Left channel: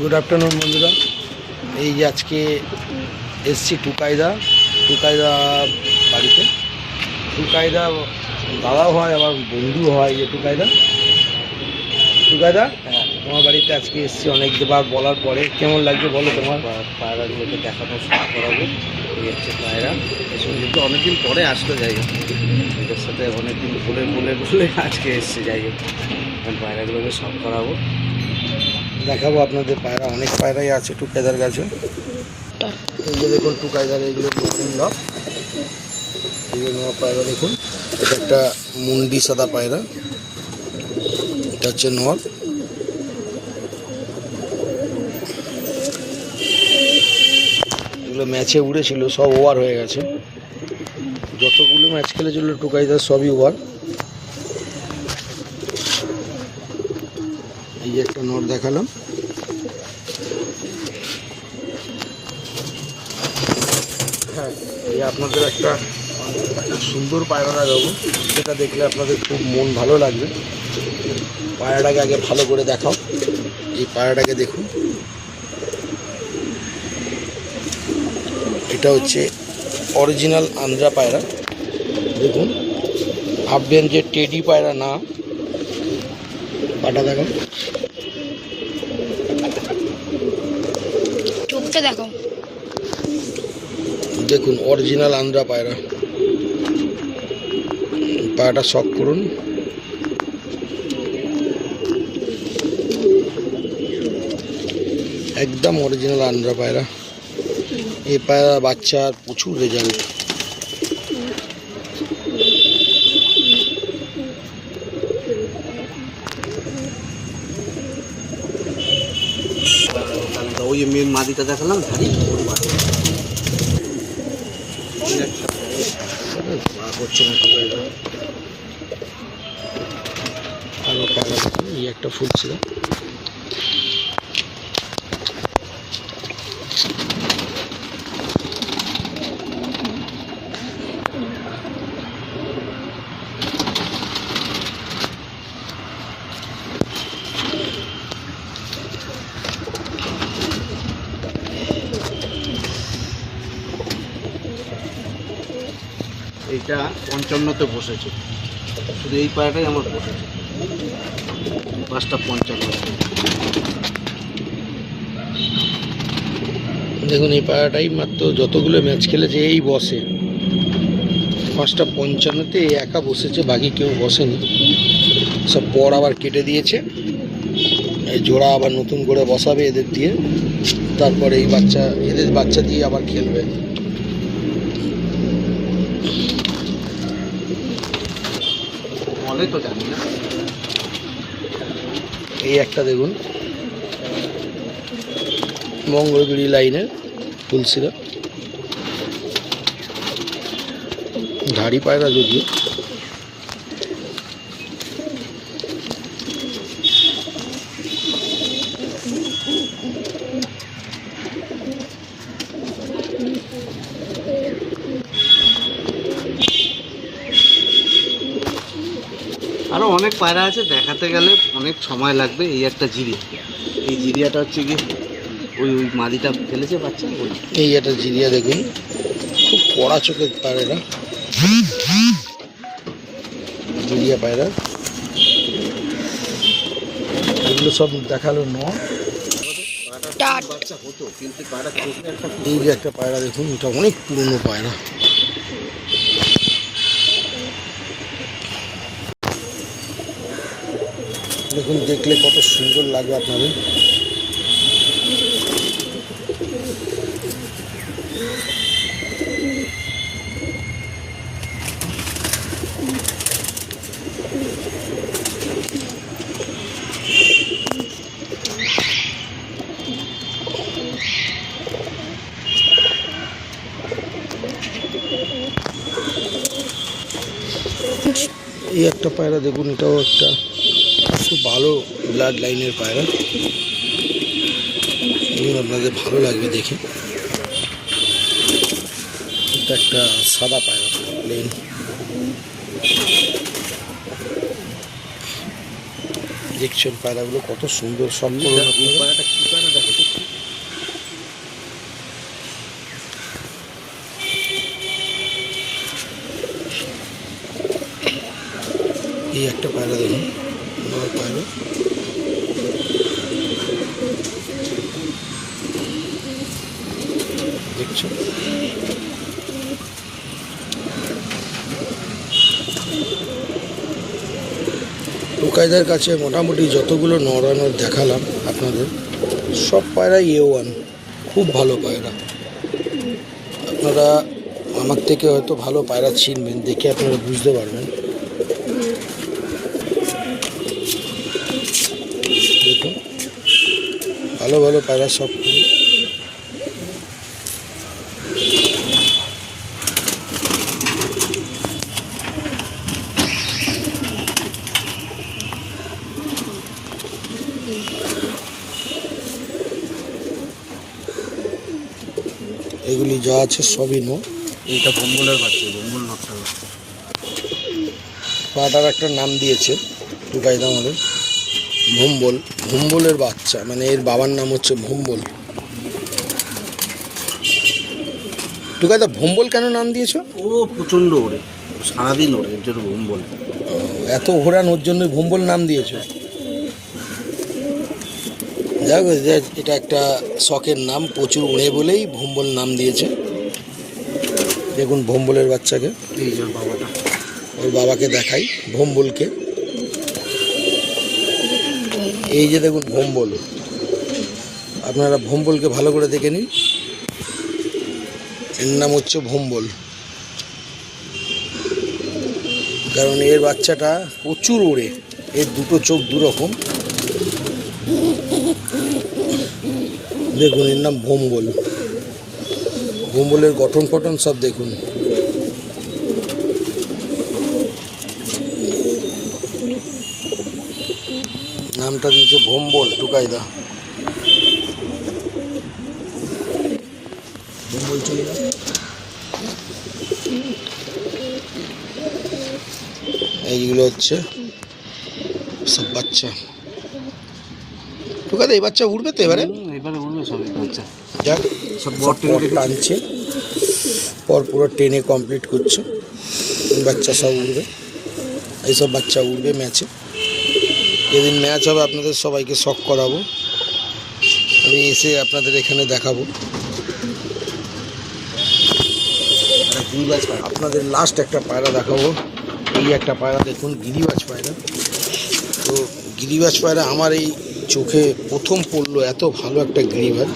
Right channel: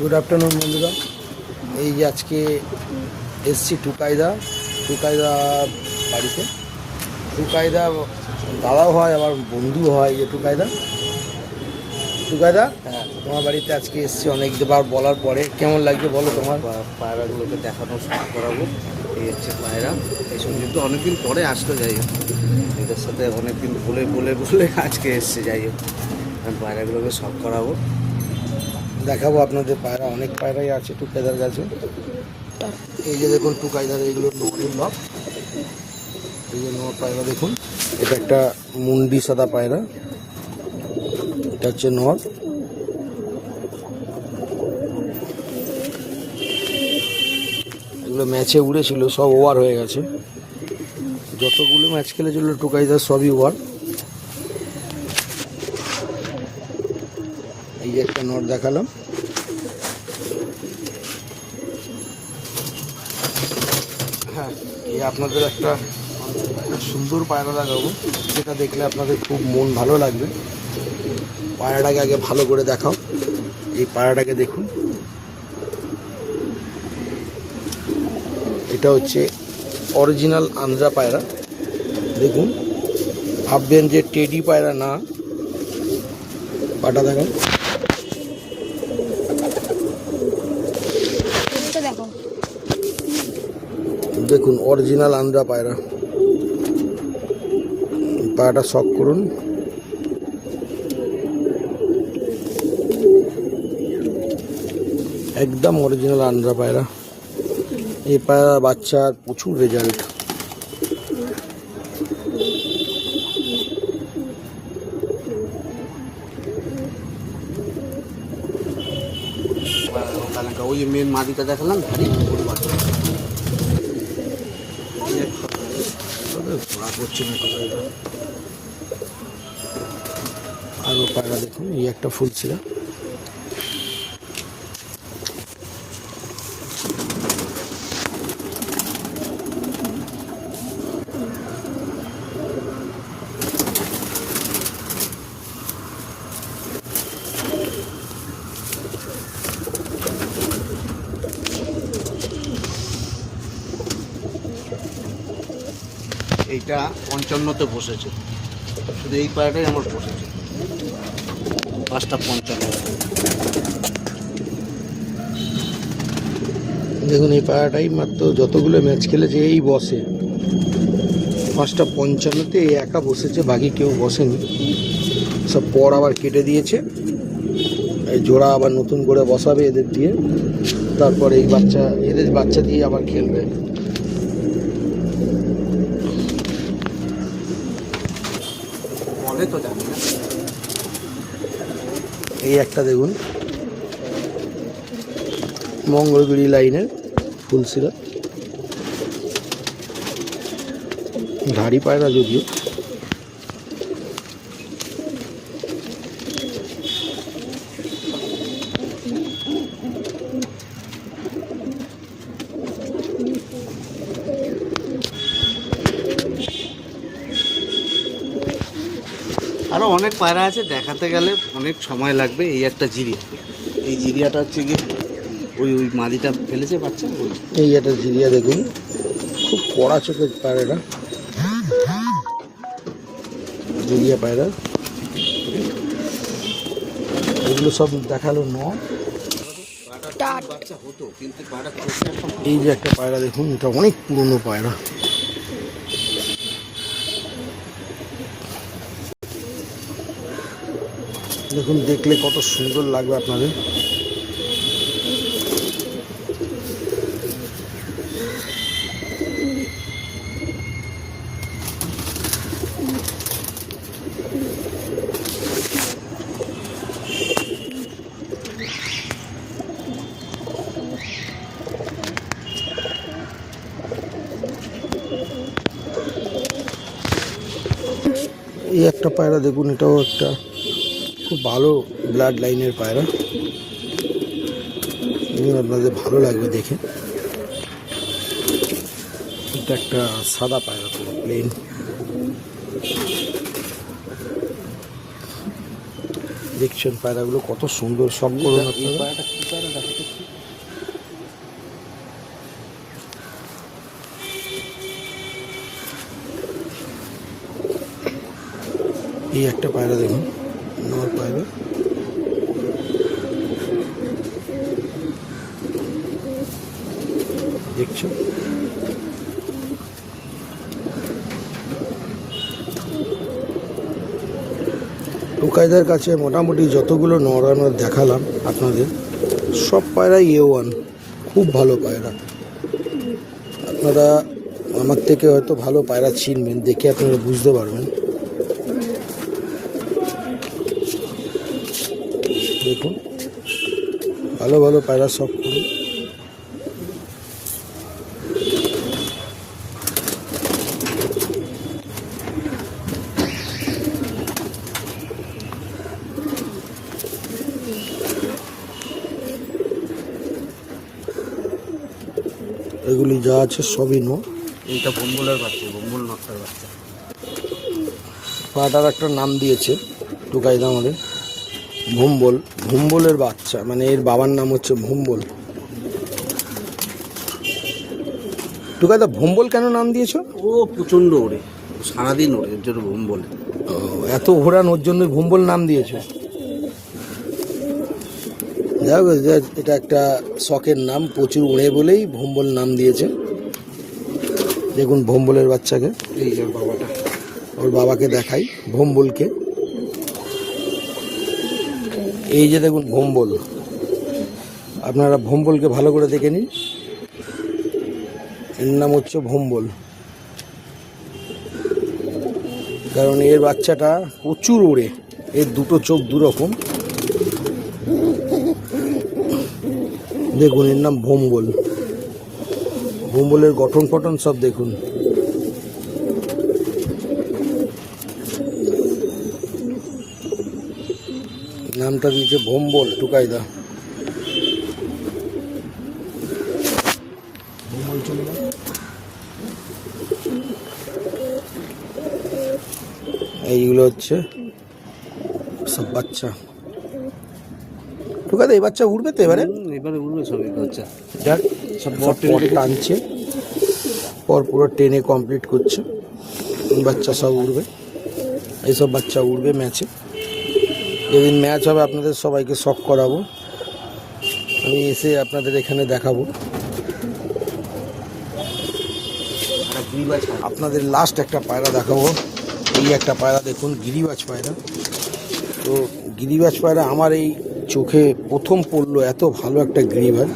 Good afternoon বন্ধুরা। এই যে আজকে এসছি টুকাইদা বাড়িতে। টুকাইদা দাদাও হয়, আমার বন্ধু হয়। যে টুকাইদা তোমার বাড়িতে আজকে এসছি অনেকবার বলার পরে। কেমন লাগছে বলো তোমার? পায়রাগুলোকে দেখানো শুরু করাবো। এই হচ্ছে পায়রা, এসব কিন্তু অনেকদিন পরে আসলো। যাই হোক, ওদের সাথে অনেকদিন বলে আজকে এসছে। যাই হোক, পায়রাগুলোকে সব করাবো, দেখাবো আপনাদের। পায়রা অনেক পায়রাই আছে টুকাইদার কাছে। এই যে দেখুন টুকাইদার এইগুলো নরের লক, এইগুলো নর পায়রা। দেখুন এটা একটা মুন্ডি সাদা পায়রা, এটা হচ্ছে নর। এগুলো ম্যাচে উড়েছিল, সব ওভার হয়ে গেছে। যতগুলো ম্যাচ খেলেছিল টুকাইদার সবই ওভার। এই যে একটা নর দেখালাম। হ্যাঁ, এই আপনাদের একটা সুন্দর পায়রা দেখাবো, যেটা দেখলে আপনাদের খুব মন ভালো লাগবে। পায়রাটাকে আগে ভালো করে দেখাও। এই পায়রাটাকে দেখুন, এটা হচ্ছে অরিজিনাল আন্ধ্রা পায়রা। দেখুন, ভাববেন যে টেডি পায়রা না। পাটা দেখুন, দেখুন অরিজিনাল আন্ধ্রা পায়রা। পায়রাটা শক করুন। একদম অরিজিনাল আন্ধ্রা পায়রা। এই পায়রা বাচ্চার প্রচুর রেজাল্ট। ওই যে মেন মাদিটা দেখালাম। হচ্ছে না আরও পায়রা দেখুন, এই একটা ফুল ছিল। এইটা 55তে বসেছে, শুধু এই পায়রাটাই আমার বসেছে। 5টা 55। দেখুন এই পায়রাটাই মাত্র যতগুলো ম্যাচ খেলেছে এই বসে। 5টা 55তে এই একা বসেছে, বাকি কেউ বসেনি। সব পর আবার কেটে দিয়েছে। এই জোড়া আবার নতুন করে বসাবে এদের দিয়ে, তারপরে এই এদের বাচ্চা দিয়ে আবার খেলবে। বলে তো জানি না। এই একটা দেখুন, মঙ্গলগুড়ি লাইনের ফুল ছিল। ধাড়ি পায়রা যদি। আরও অনেক পায়রা আছে, দেখাতে গেলে অনেক সময় লাগবে। এই একটা জিরিয়া, এই জিরিয়াটা হচ্ছে কি ওই মাদিটা ফেলেছে বাচ্চা। এই একটা জিরিয়া দেখুন, খুব কড়া চোখের পায়রাটা, জিরিয়া পায়রা। এগুলো সব দেখালো নয়। বাচ্চা হতো, কিন্তু এই যে একটা পায়রা দেখুন, এটা অনেক পুরনো পায়রা। দেখুন, দেখলে কত সুন্দর লাগবে আপনাদের। এই একটা পায়রা দেখুন, এটাও একটা খুব ভালো ব্লাড লাইনের পায়রা। আপনাদের ভালো লাগবে দেখে। এটা একটা সাদা পায়রা, প্লেন। দেখছেন পায়রাগুলো কত সুন্দর, সব একটা পায়রা দেখুন, নর পায়রা। দেখছো টুকাইদার কাছে মোটামুটি যতগুলো নরানোর দেখালাম আপনাদের, সব পায়রাই A1, খুব ভালো পায়রা। আপনারা আমার থেকে হয়তো ভালো পায়রা চিনবেন, দেখে আপনারা বুঝতে পারবেন। দেখুন ভালো ভালো পায়রা সব। এগুলি যা আছে সবই নো। এটা ভম্বলের বাচ্চা, ভম্বল নকটার বাচ্চা। পাটার একটা নাম দিয়েছে টুকাইদা আমাদের, ভম্বল। ভম্বলের বাচ্চা, মানে এর বাবার নাম হচ্ছে ভম্বল। টুকাইদা ভম্বল কেন নাম দিয়েছ? ও প্রচণ্ড ওড়ে, সারাদিন ওড়ে, এর জন্য ভম্বল। এত ঘোরান, ওর জন্য ভম্বল নাম দিয়েছ? যাক, এটা একটা শখের নাম, প্রচুর উড়ে বলেই ভম্বল নাম দিয়েছে। দেখুন ভম্বলের বাচ্চাকে, এই যে ওর বাবাটা, ওর বাবাকে দেখাই ভম্বলকে। এই যে দেখুন ভম্বল, আপনারা ভম্বলকে ভালো করে দেখে নিন। এর নাম হচ্ছে ভম্বল, কারণ এর বাচ্চাটা প্রচুর উড়ে। এর দুটো চোখ দুরকম। দেখুন এর নাম ভম্বল। ভম্বলের গঠন পঠন সব দেখুন। নামটা দিয়েছে ভম্বল টুকাইদা। ভম্বল চলে গেল। এইগুলো হচ্ছে সব বাচ্চা। টুকাইদা এই বাচ্চা উঠবে তো এবারে? এবারে উড়বে সব বাচ্চা। যাক, সব সব পর টানছে, পর পুরো টেনে কমপ্লিট করছে। বাচ্চা সব উঠবে, এইসব বাচ্চা উঠবে ম্যাচে। যেদিন ম্যাচ হবে আপনাদের সবাইকে শখ করাবো, আমি এসে আপনাদের এখানে দেখাবো। আপনাদের লাস্ট একটা পায়রা দেখাবো। এই একটা পায়রা দেখুন, গিরিবাজ পায়রা। তো গিরিবাজ পায়রা আমার এই চোখে প্রথম পড়লো, এত ভালো একটা গিরিবাজ।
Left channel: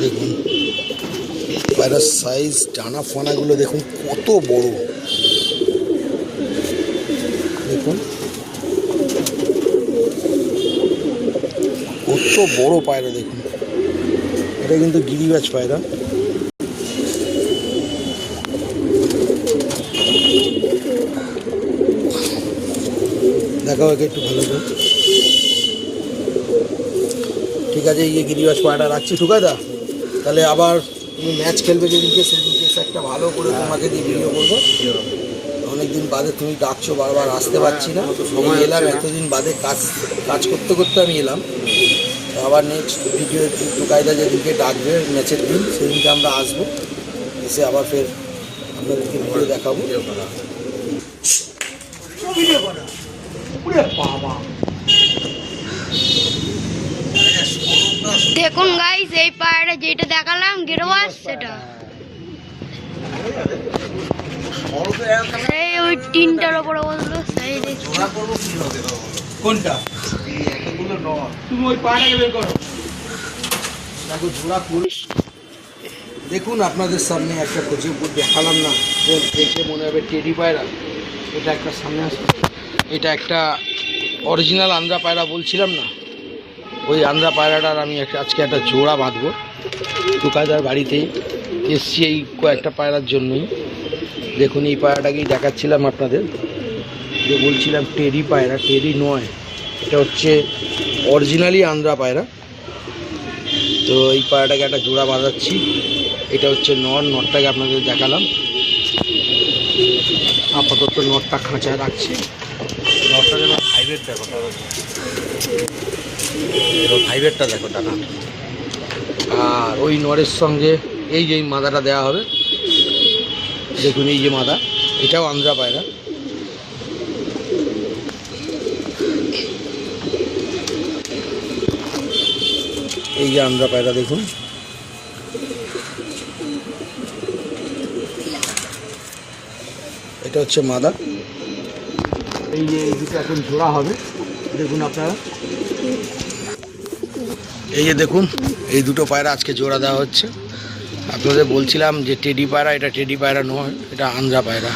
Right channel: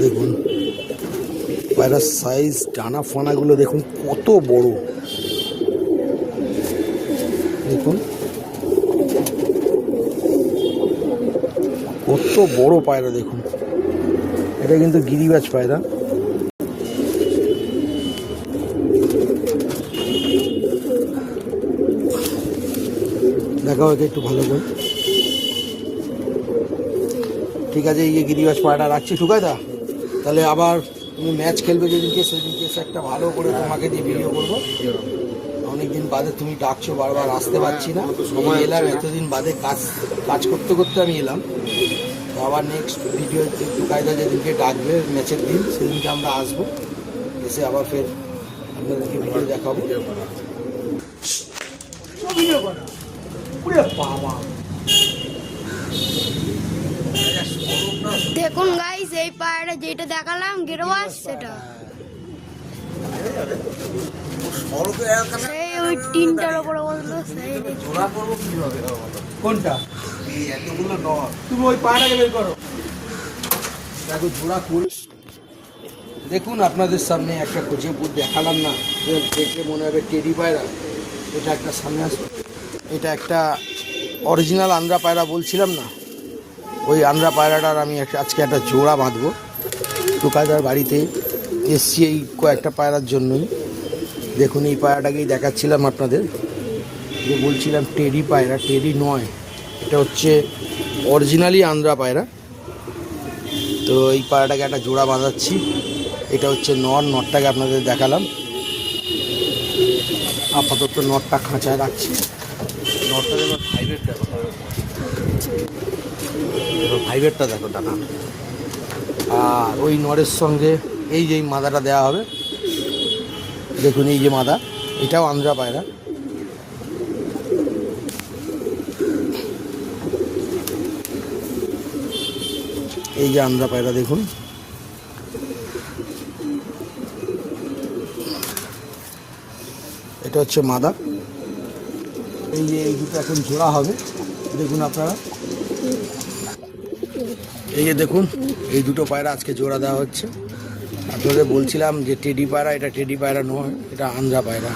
দেখুন পায়রার সাইজ, ডানা ফানাগুলো দেখুন কত বড়। দেখুন কত বড় পায়রা, দেখুন এটা কিন্তু গিরিবাজ পায়রা। দেখাও একে একটু ভালো করে। ঠিক আছে, এই যে গিরিবাজ পায়রা রাখছি টুকাইদা। তাহলে আবার তুমি ম্যাচ খেলবে যেদিনকে, সেদিনকে একটা ভালো করে তোমাকে দিয়ে ভিডিও করবো। অনেকদিন বাদে তুমি ডাকছো, বারবার আসতে পারছি না। সময় এলাম, এতদিন বাদে কাজ করতে করতে আমি এলাম। তো আবার নেক্সট ভিডিও টুকাইদা যেদিনকে ডাকবে ম্যাচের দিন, সেদিনকে আমরা আসবো, এসে আবার ফের আপনাদেরকে ভিডিও দেখাবো। দেখুন গাইস, এই পায়রা যেটা দেখালাম গিরবাজ, সেটা সেই ওই তিনটার উপরে বসলো, সেই দেখছি। কোনটা? তুমি ওই পায়রাকে বের করো। দেখো জোড়া ফুল। দেখুন আপনাদের সামনে একটা খুঁজে দেখালাম না, যে দেখে মনে হবে টেডি পায়রা। এটা একটা সামনে আসবে, এটা একটা অরিজিনাল আন্দ্রা পায়রা বলছিলাম না, ওই আন্দ্রা পায়রাটার আমি আজকে একটা জোড়া বাঁধবো। টুকাইদার বাড়িতে এসছি এই কয়েকটা পায়রার জন্যই। দেখুন এই পায়রাটাকেই দেখাচ্ছিলাম আপনাদের, যে বলছিলাম টেডি পায়রা, টেডি নয়, এটা হচ্ছে অরিজিনালি আন্দ্রা পায়রা। তো এই পায়রাটাকে একটা জোড়া বাঁধাচ্ছি। এটা হচ্ছে নটটাকে আপনাদের দেখালাম। আপাতত নটটা খাঁচায় রাখছি। নটটা দেখো, হাইব্রিড দেখো, ফাইভেরটা দেখো টাকা। আর ওই নরের সঙ্গে এই যে মাদাটা দেওয়া হবে, দেখুন এই যে মাদা, এটাও আন্ধ্রা পায়রা। এই যে আন্ধ্রা পায়রা দেখুন, এটা হচ্ছে মাদা। এই যে এই দুটো এখন জোড়া হবে, দেখুন আপনারা, এই যে দেখুন এই দুটো পায়রা আজকে জোড়া দেওয়া হচ্ছে। আপনাদের বলছিলাম যে টেডি পায়রা, এটা টেডি পায়রা নয়, এটা আন্ধ্রা পায়রা।